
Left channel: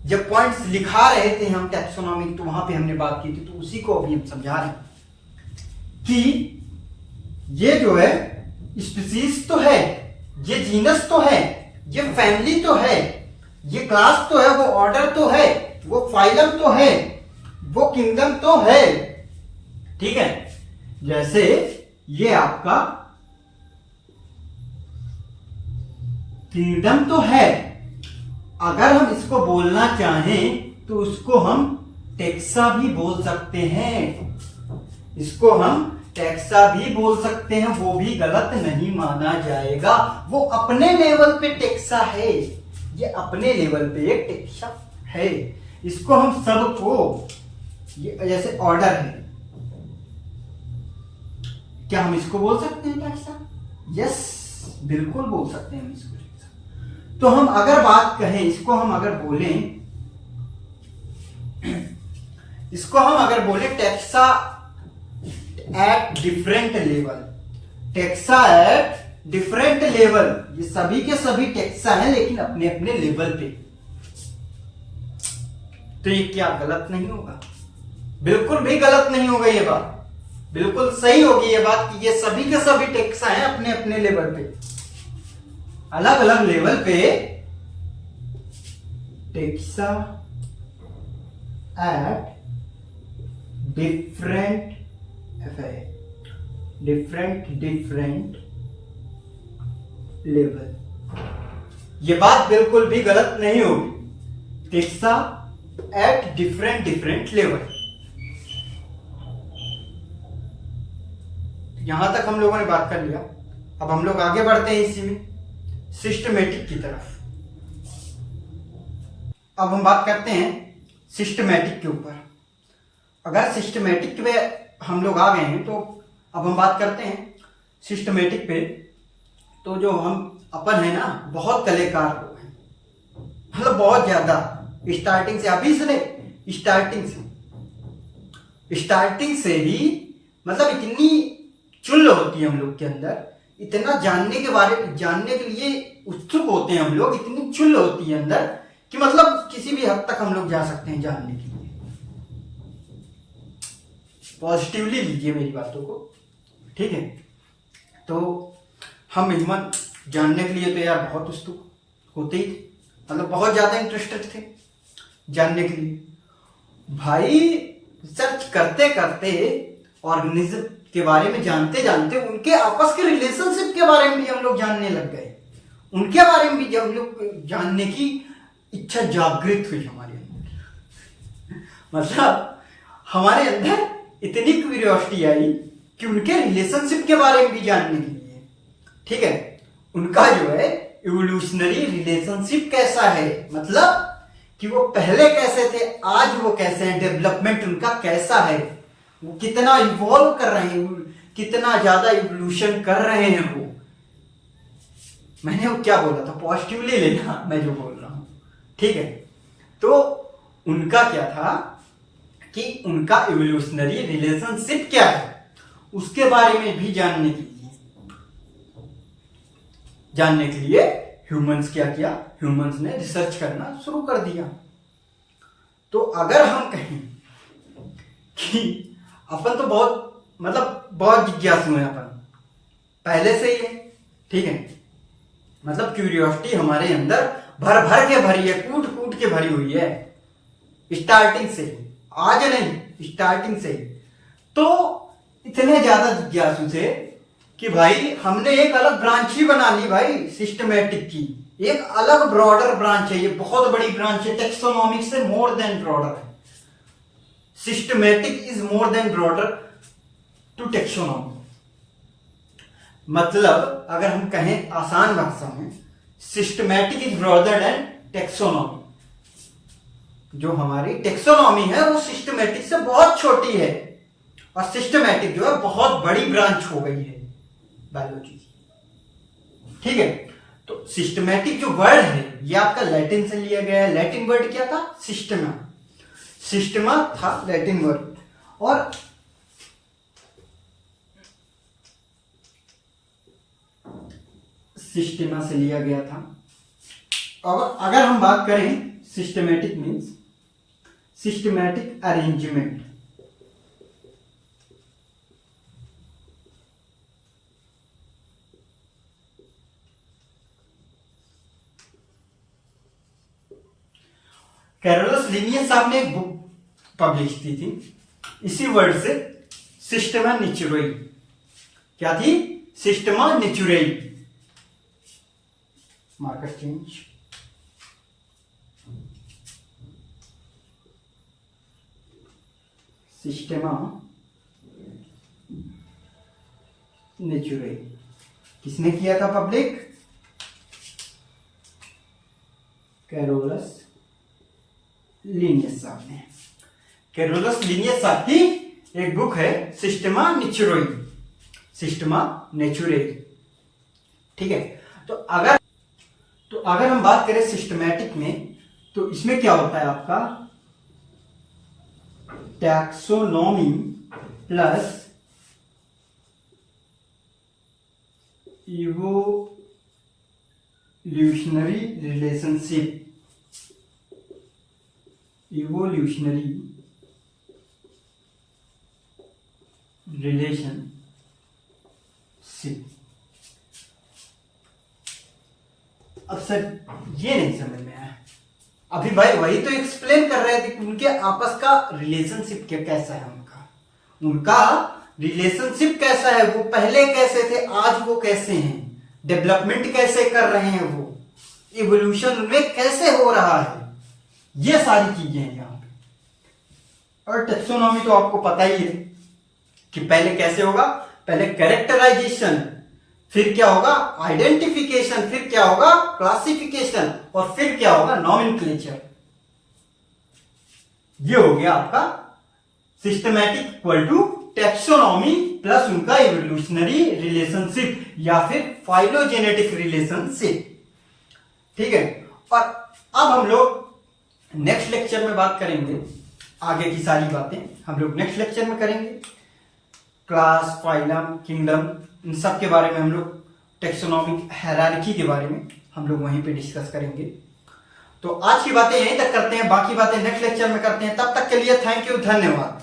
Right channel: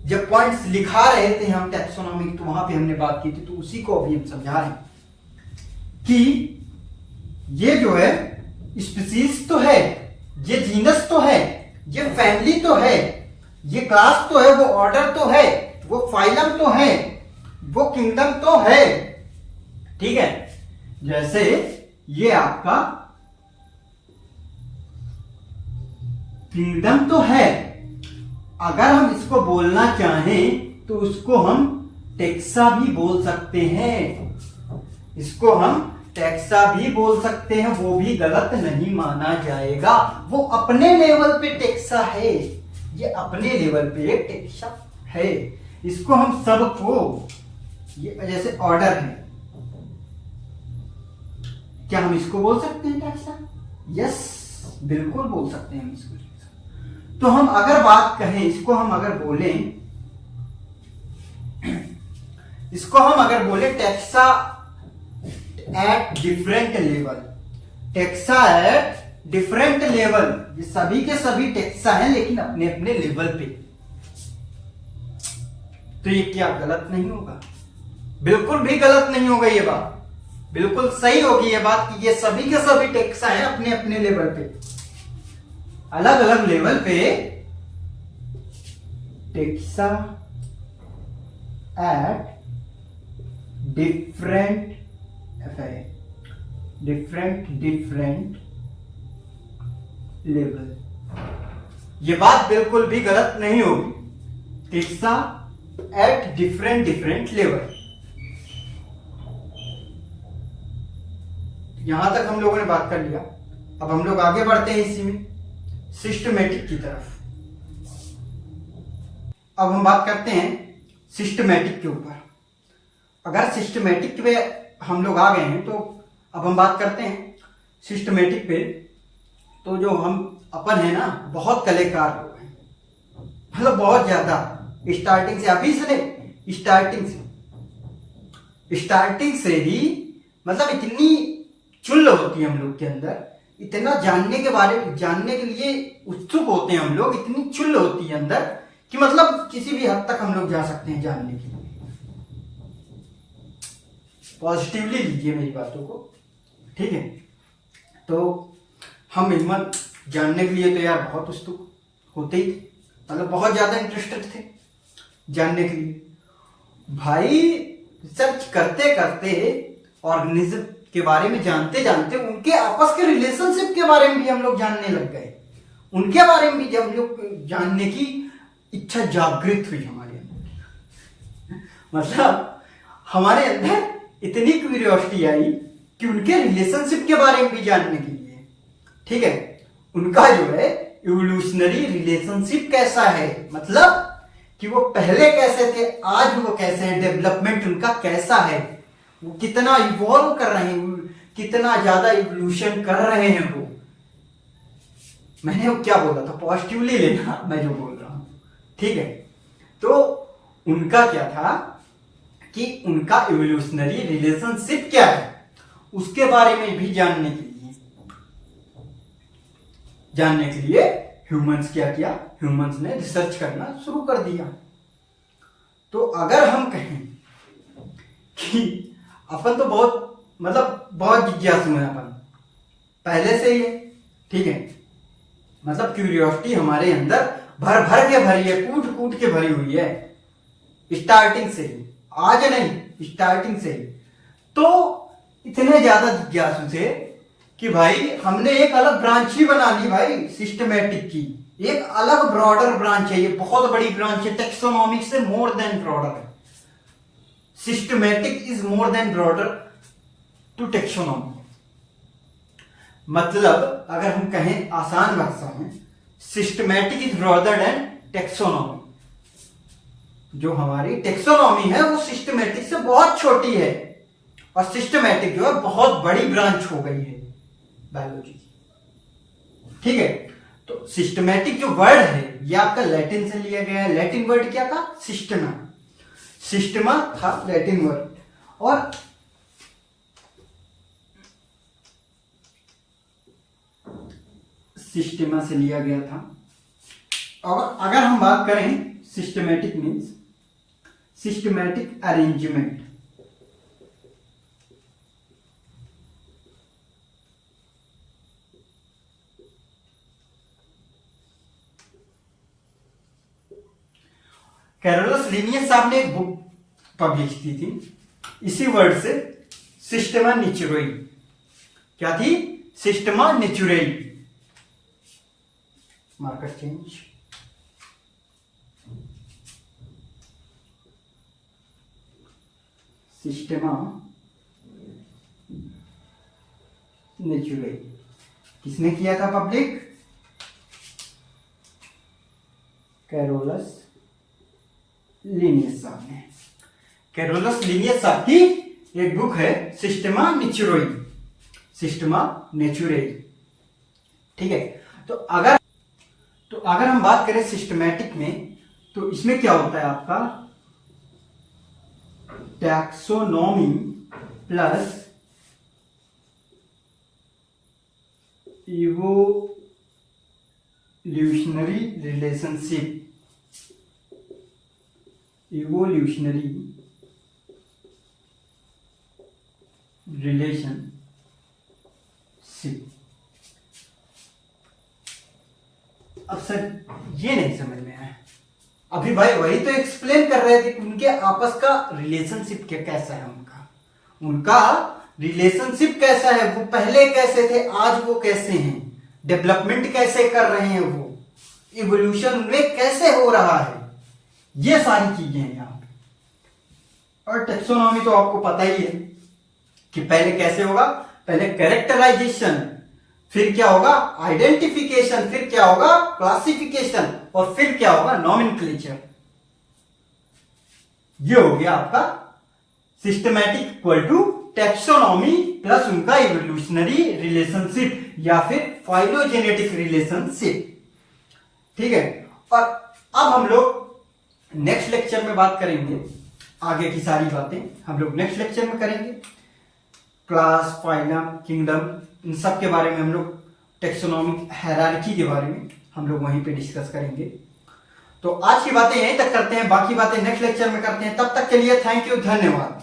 जब पॉइंट्स लिखा रहे थे हम टैक्सोनॉमी, तो वहां पे हमने बात की थी, तो उसी को अभी हम समझा रहे हैं कि ये जो है स्पीसीज तो है, ये जीनस तो है, ये फैमिली तो है, ये क्लास तो है, वो ऑर्डर तो है, वो फाइलम तो है, वो किंगडम तो है, ठीक है। जैसे ये आपका किंगडम तो है, अगर हम इसको बोलना चाहें तो उसको हम टेक्सा भी बोल सकते हैं, इसको हम टेक्सा भी बोल सकते हैं, वो भी गलत नहीं माना जाएगा। वो अपने लेवल पे टेक्सा है, ये अपने लेवल पे एक टेक्सा है। इसको हम सबको, ये जैसे ऑर्डर है, क्या हम इसको बोल सकते हैं टेक्सा? यस, बिल्कुल बोल सकते हैं हम इसको। तो हम अगर बात कहें, इसको हम अगर बोलें taxa at different level, taxa at different level, ये सभी के सभी टेक्सा हैं लेकिन अपने अपने लेवल पे। तो ये क्या गलत नहीं होगा? बिल्कुल भी गलत नहीं होगा ये बात, बिल्कुल सही होगी ये बात कि ये सभी के सभी टेक्सा हैं अपने अपने लेवल पे, अलग अलग लेवल पे टेक्सा एट डिफरेंट लेवल। ये बात बिल्कुल भी गलत नहीं होगी, टेक्सा एट डिफरेंट लेवल। यहां तक हम लोगों ने बात कर लिया। अब हम लोग आगे बढ़ते हैं इसी में सिस्टमेटिक की तरफ। अब हम बात करते हैं सिस्टमेटिक के ऊपर। अगर सिस्टमेटिक पे हम लोग आ गए हैं तो अब हम बात करते हैं सिस्टमेटिक पे। तो जो हम अपन है ना, बहुत कलाकार लोग हैं, मतलब बहुत ज्यादा, स्टार्टिंग से, अभी से नहीं, स्टार्टिंग से ही मतलब इतनी चुल होती है हम लोग के अंदर, इतना जानने के लिए उत्सुक होते हैं हम लोग, इतनी चुल होती है अंदर कि मतलब किसी भी हद तक हम लोग जा सकते हैं जानने के लिए। पॉजिटिवली लीजिए मेरी बातों को, ठीक है? तो हम हिम्मत जानने के लिए तो यार बहुत उत्सुक होते ही थे, मतलब बहुत ज्यादा इंटरेस्टेड थे जानने के लिए। भाई रिसर्च करते करते, ऑर्गेनिज्म के बारे में जानते जानते, उनके आपस के रिलेशनशिप के बारे में भी हम लोग जानने लग गए। उनके बारे में भी जब हम लोग जानने की इच्छा जागृत हुई हमारे अंदर, मतलब हमारे अंदर इतनी क्यूरियोसिटी आई कि उनके रिलेशनशिप के बारे में भी जानने के लिए, ठीक है, उनका जो है इवोल्यूशनरी रिलेशनशिप कैसा है, मतलब कि वो पहले कैसे थे, आज वो कैसे हैं, डेवलपमेंट उनका कैसा है, वो कितना इवॉल्व कर रहे हैं, कितना ज्यादा इवोल्यूशन कर रहे हैं वो। मैंने वो क्या बोला था, पॉजिटिवली लेना मैं जो बोल रहा हूं, ठीक है? तो उनका क्या था कि उनका इवोल्यूशनरी रिलेशनशिप क्या है, उसके बारे में भी जानने के लिए ह्यूमंस क्या किया, ह्यूमंस ने रिसर्च करना शुरू कर दिया। तो अगर हम कहें कि अपन तो बहुत जिज्ञासु हैं अपन पहले से ही, ठीक है, मतलब क्यूरियोसिटी हमारे अंदर भर भर के भरी है, कूट कूट के भरी हुई है, स्टार्टिंग से ही, आज नहीं, स्टार्टिंग से ही। तो इतने ज्यादा जिज्ञासु थे कि भाई हमने एक अलग ब्रांच ही बना ली भाई, सिस्टमैटिक की एक अलग ब्रॉडर ब्रांच है, ये बहुत बड़ी ब्रांच है, टेक्सोनॉमिक से मोर देन ब्रॉडर है। Systematic is more than broader to taxonomy. मतलब अगर हम कहें आसान भाषा में, systematic is broader than taxonomy. जो हमारी टेक्सोनॉमी है वो सिस्टमैटिक से बहुत छोटी है, और सिस्टमैटिक जो है बहुत बड़ी ब्रांच हो गई है बायोलॉजी की, ठीक है? तो सिस्टमैटिक जो वर्ड है ये आपका लैटिन से लिया गया है। लैटिन वर्ड क्या था? सिस्टमा। सिस्टमा था लैटिन वर्ड, और सिस्टमा से लिया गया था। और अगर हम बात करें systematic means systematic arrangement, Carolus Linnaeus साहब ने एक बुक पब्लिश की थी इसी वर्ड से, सिस्टमा नेचुरई। क्या थी? Systema Naturae. Marker change. Systema Natural. किसने किया था पब्लिक? कैरोलस लिनियस साहब ने। कैरोलस लिनियस साहब की एक बुक है सिस्टेमा नेचुरली, सिस्टेमा नेचुरली। ठीक है, तो अगर हम बात करें सिस्टमैटिक में, तो इसमें क्या होता है आपका taxonomy plus evolutionary relationship, evolutionary relationship. अब सर ये नहीं समझ में आया, अभी भाई वही तो एक्सप्लेन कर रहे थे कि उनके आपस का रिलेशनशिप कैसा है, उनका रिलेशनशिप कैसा है, वो पहले कैसे थे, आज वो कैसे हैं, डेवलपमेंट कैसे कर रहे हैं, वो इवोल्यूशन उनमें कैसे हो रहा है, ये सारी चीजें हैं यहां पे। और टेक्सोनॉमी तो आपको पता ही है कि पहले कैसे होगा, पहले कैरेक्टराइजेशन, फिर क्या होगा आइडेंटिफिकेशन, फिर क्या होगा क्लासिफिकेशन, और फिर क्या होगा नॉमेनक्लेचर। ये हो गया आपका systematic equal to taxonomy plus उनका इवोल्यूशनरी रिलेशनशिप या फिर फाइलोजेनेटिक रिलेशनशिप। ठीक है, और अब हम लोग नेक्स्ट लेक्चर में बात करेंगे, आगे की सारी बातें हम लोग नेक्स्ट लेक्चर में करेंगे। क्लास, फाइलम, किंगडम, इन सब के बारे में हम लोग, टेक्सोनॉमिक हायरार्की के बारे में हम लोग वहीं पे डिस्कस करेंगे। तो आज की बातें यहीं तक करते हैं, बाकी बातें नेक्स्ट लेक्चर में करते हैं। तब तक के लिए थैंक यू, धन्यवाद।